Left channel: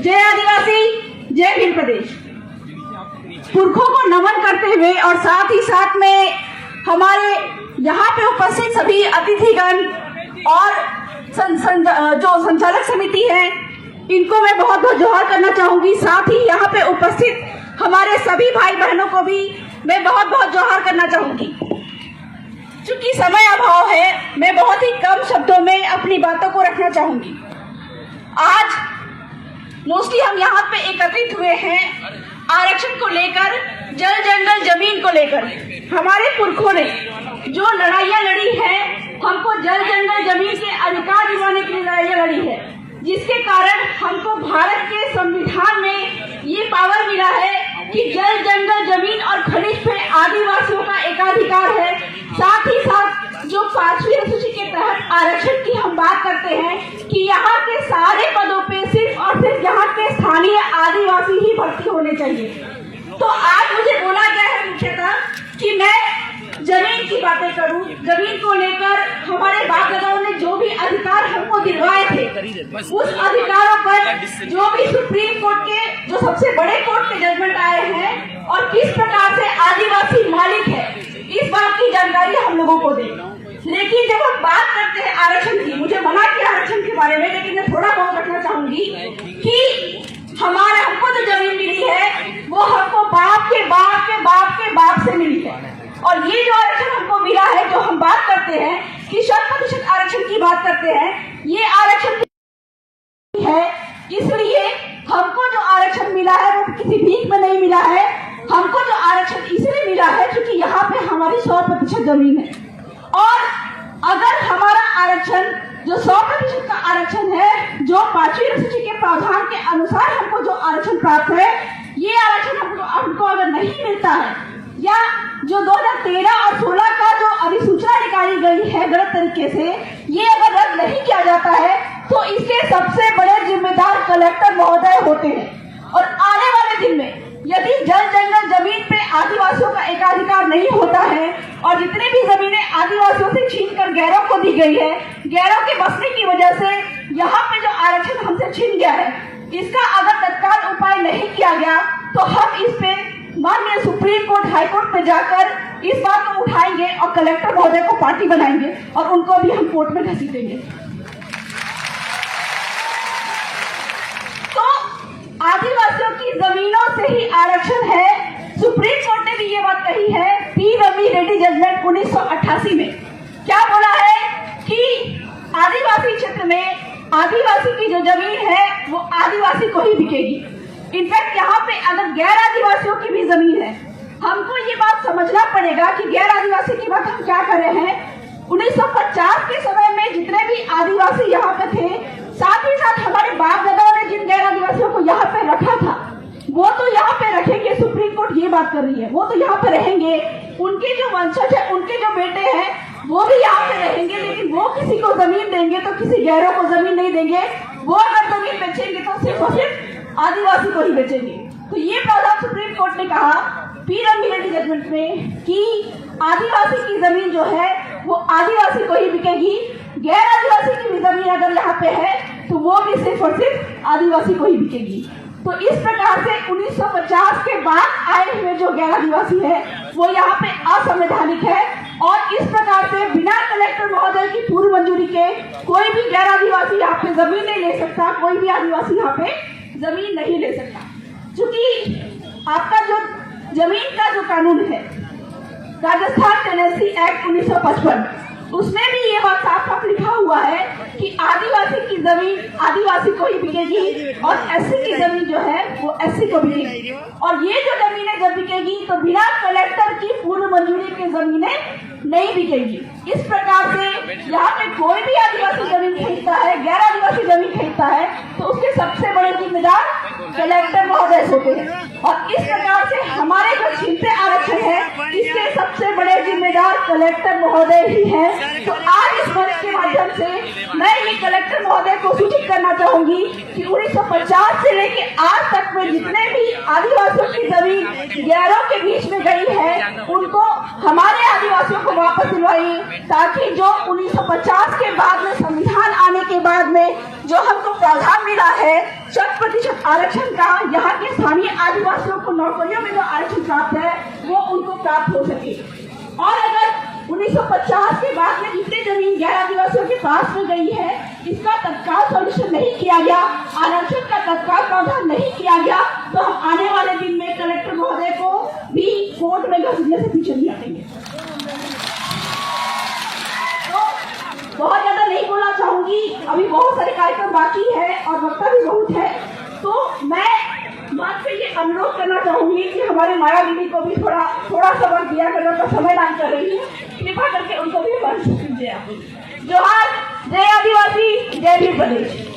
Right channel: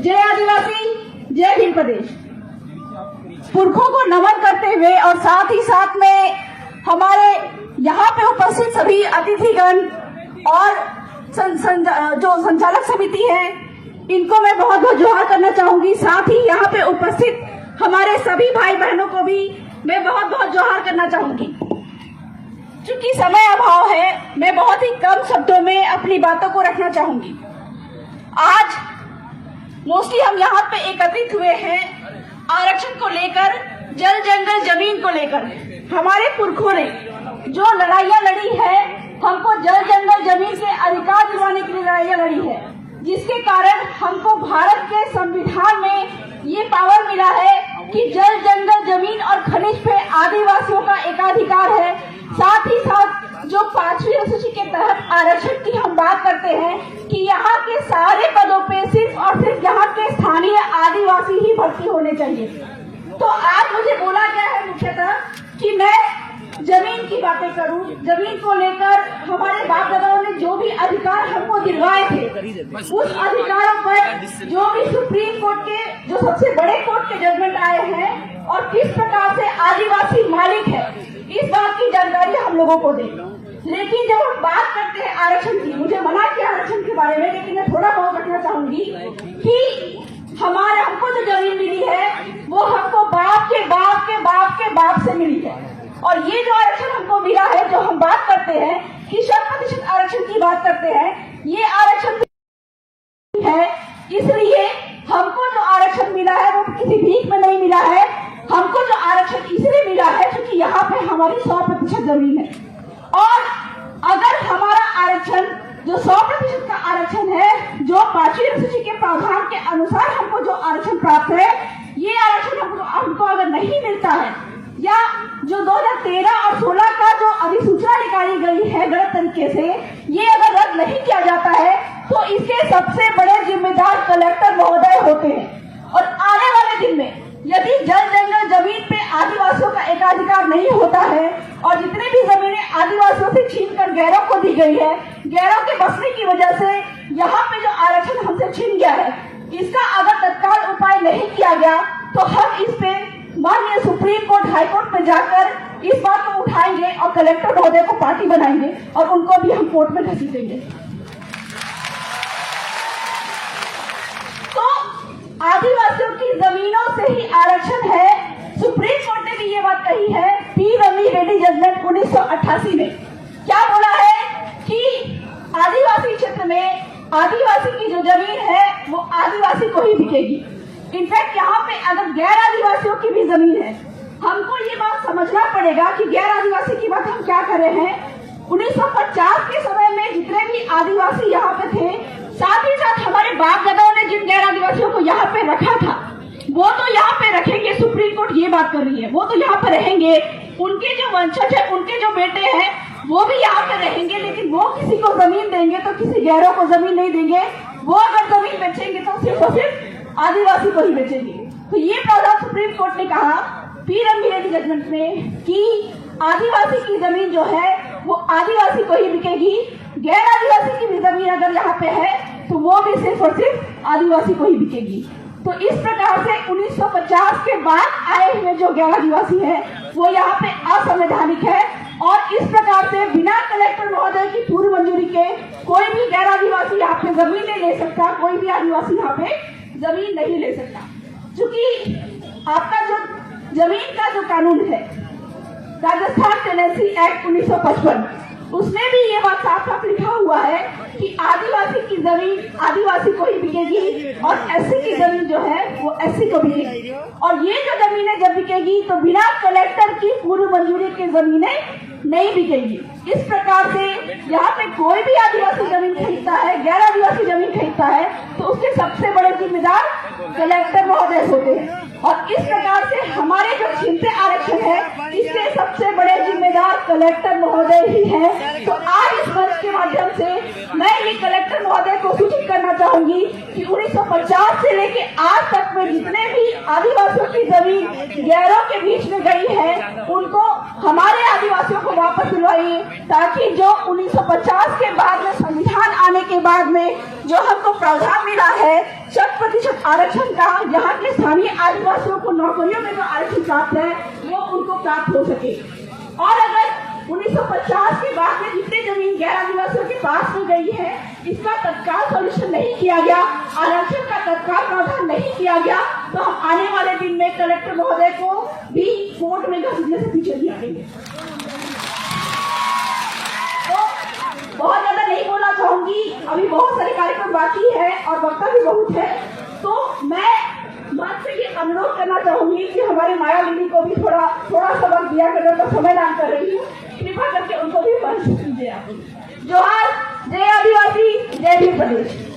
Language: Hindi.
जय आदिवासी, जय भीम प्रदेश। पुरखों को नमन करते हुए और साथ ही साथ में हमारे यहाँ पे उपस्थित सभी अतिथिगण और जो संचालक समिति है, इनको मैं बहुत बहुत जोहार करना चाहूंगी। साथ ही यहाँ पे उपस्थित हमारे सभी भाई बहनों को भी मैं बहुत बहुत जोहार करना चाहूंगी। चूंकि समय अभाव है, मैं बहुत ही कम शब्दों में अपनी बातों को रखना चाहूंगी। आज मोस्टली हम यहाँ पे एकत्रित हुए हैं आरक्षण को लेकर, जल जंगल जमीन को लेकर। हमारे पुरखों ने जो लड़ाइयाँ लड़ी है, हमको जल जंगल जमीन के अधिकार दिलाने के लिए लड़ाइयाँ लड़ी है, जिसके कारण हमको भारत के संविधान में ये पावर मिला है कि जल जंगल जमीन और खनिज पे आदिवासियों का एकाधिकार है। साथ ही साथ जो 5वीं अनुसूची के तहत आरक्षण की हम बात करते हैं कि यहाँ के सारे पदों पे सिर्फ और सिर्फ यहाँ के स्थानीय आदिवासी ही भर्ती होने चाहिए। तो आज मुझे बोला गया है मुख्यतः कि मैं जमीन की बातें करूं। जमीन को लेकर हमारे बाप दादाओं ने जो भी अधिकार हमको दिलवाए थे, उस अधिकारों पर जो भी सुप्रीम कोर्ट के जो सबसे बड़े कोर्ट के जजमेंट आए हैं और किस प्रकार से आदिवासी मालिक है, इस बात की जानकारी हम लोगों को दें। लेकिन जब हम बात करते हैं आरक्षण की, मुझे मना किया आरक्षण के बारे में, लेकिन मैं थोड़ा बहुत रखना चाहूंगी कि हमको जो जमीन मिली है वो हमको बाप के बाप के बाप के बाप से मिली है। और ये जो आरक्षण हमको मिला है, जो हम बात करते हैं कि 100% आरक्षण की बात करते हैं, ये आरक्षण है। इसलिए हमको जो आरक्षण मिला है वो किसी भीख में नहीं मिला है। हमको जो आरक्षण इसलिए मिला है क्योंकि यहाँ पे हमारी 100% जमीन है। और अगर हमारा आरक्षण जो 100% का आरक्षण है, जो 5वीं अनुसूची के प्रावधान के अनुसार हमको जो आरक्षण प्राप्त है, ये आरक्षण हमको अगर नहीं मिलता है, या जो 2013 और 16 का जो अधिसूचना निकाली गई है गलत तरीके से, ये अगर रद्द नहीं किया जाता है तो इसके सबसे बड़े जिम्मेदार कलेक्टर महोदय होते हैं। और आने वाले दिन में यदि जल जंगल जमीन पे आदिवासियों का एकाधिकार नहीं होता है और जितनी भी जमीनें आदिवासियों से छीनकर गैरों को दी गई है, गैरों के बसने की वजह से यहाँ पे जो आरक्षण हमसे छीन गया है, इसका अगर तत्काल उपाय नहीं किया गया तो हम इस पे माननीय सुप्रीम कोर्ट, हाई कोर्ट में जाकर इस बात को उठाएंगे और कलेक्टर महोदय को पार्टी बनाएंगे और उनको भी हम कोर्ट में घसीटेंगे। तो आदिवासियों की जमीनों से ही आरक्षण है। सुप्रीम कोर्ट ने भी ये बात कही है पी रमी रेड्डी जजमेंट 1988 में। क्या बोला है कि आदिवासी क्षेत्र में आदिवासी की जो जमीन है वो आदिवासी को ही बिकेगी। इनफैक्ट यहाँ पे अगर गैर आदिवासियों की भी जमीन है, हमको ये बात समझना पड़ेगा कि गैर आदिवासी की बात हम क्या कर रहे हैं। 1950 के समय में जितने भी आदिवासी यहाँ पे थे, साथ ही साथ हमारे बाप दादाओं ने जिन गैर आदिवासियों को यहाँ पे रखा था, वो तो यहाँ पे रखेंगे। सुप्रीम कोर्ट ये बात कर रही है, वो तो यहाँ पे रहेंगे। उनके जो वंशज है, उनके जो बेटे हैं, वो भी यहाँ पे रहेंगे। लेकिन वो किसी को जमीन देंगे तो किसी गैरों को जमीन नहीं देंगे। वो अगर जमीन बेचेंगे तो सिर्फ और सिर्फ आदिवासी को ही बेचेंगे। तो ये प्रावधान सुप्रीम कोर्ट ने कहा पी रमी रेड्डी जजमेंट में कि आदिवासी की जमीन जो है वो आदिवासी को ही बिकेगी। गैर आदिवासी की भी जमीन अगर यहाँ पे है तो वो भी सिर्फ और सिर्फ आदिवासी को ही बिकेगी। तो इस प्रकार से 1950 के बाद आए हुए जो गैर आदिवासी है वो यहाँ पे असंवैधानिक है। और इस प्रकार से बिना कलेक्टर महोदय की पूर्व मंजूरी के कोई भी गैर आदिवासी यहाँ पे जमीन नहीं ले सकता, कोई भी आदिवासी यहाँ पे जमीन नहीं ले सकता। क्योंकि आपका जो जमीन का जो कानून है, राजस्थान टेनेंसी एक्ट 1955, उसमें भी ये बात साफ साफ लिखा हुआ है कि आदिवासी की जमीन आदिवासी को ही बिकेगी और एससी की जमीन जो है वो एससी को बिकेगी। और ये जो जमीनें जब बिकेगी तो बिना कलेक्टर की पूर्व मंजूरी की जमीनें नहीं बिकेगी। इस प्रकार से यहाँ पे कोई भी आदिवासी जमीन खरीदता है, गैर आदिवासी जमीन खरीदता है, तो उसके सबसे बड़े जिम्मेदार कलेक्टर महोदय होते हैं। और इस प्रकार से हमारे जो छीनते आरक्षण है इसके सबसे बड़े जिम्मेदार कलेक्टर महोदय ही हैं। तो आज इस मंच के माध्यम से मैं ये कलेक्टर महोदय को सूचित करना चाहूंगी कि 1950 से लेके आज तक में जितने भी आदिवासियों की जमीन गैरों के बीच में गई है उनको हमारे आदिवासियों को वापस दिलवाइए, ताकि जो 1950 के बाद में संविधान आने के बाद में जो हमको प्रावधान मिला है 100% आरक्षण का, यहाँ के स्थानीय आदिवासियों को नौकरियों में जो आरक्षण प्राप्त है वो उनको प्राप्त हो सके। और अगर 1950 के बाद में जितने जमीन गैर आदिवासियों के पास में गई है इसका तत्काल सोल्यूशन नहीं किया गया, आरक्षण का तत्काल प्रावधान नहीं किया गया, तो हम आने वाले दिन में कलेक्टर महोदय को भी कोर्ट में घसीटने से पीछे नहीं हटेंगे। तो बहुत ज्यादा नहीं बोलना चाहूंगी, अभी बहुत सारे कार्यक्रम बाकी है और वक्ता भी बहुत है। तो मैं बात पे ये अनुरोध करना चाहूंगी कि हमारी माया दीदी को भी थोड़ा सबर दिया कर, उनका समय दान कर रही हूँ, कृपा करके उनको भी मंच दीजिए। जोहार, जय आदिवासी, जय भीम प्रदेश।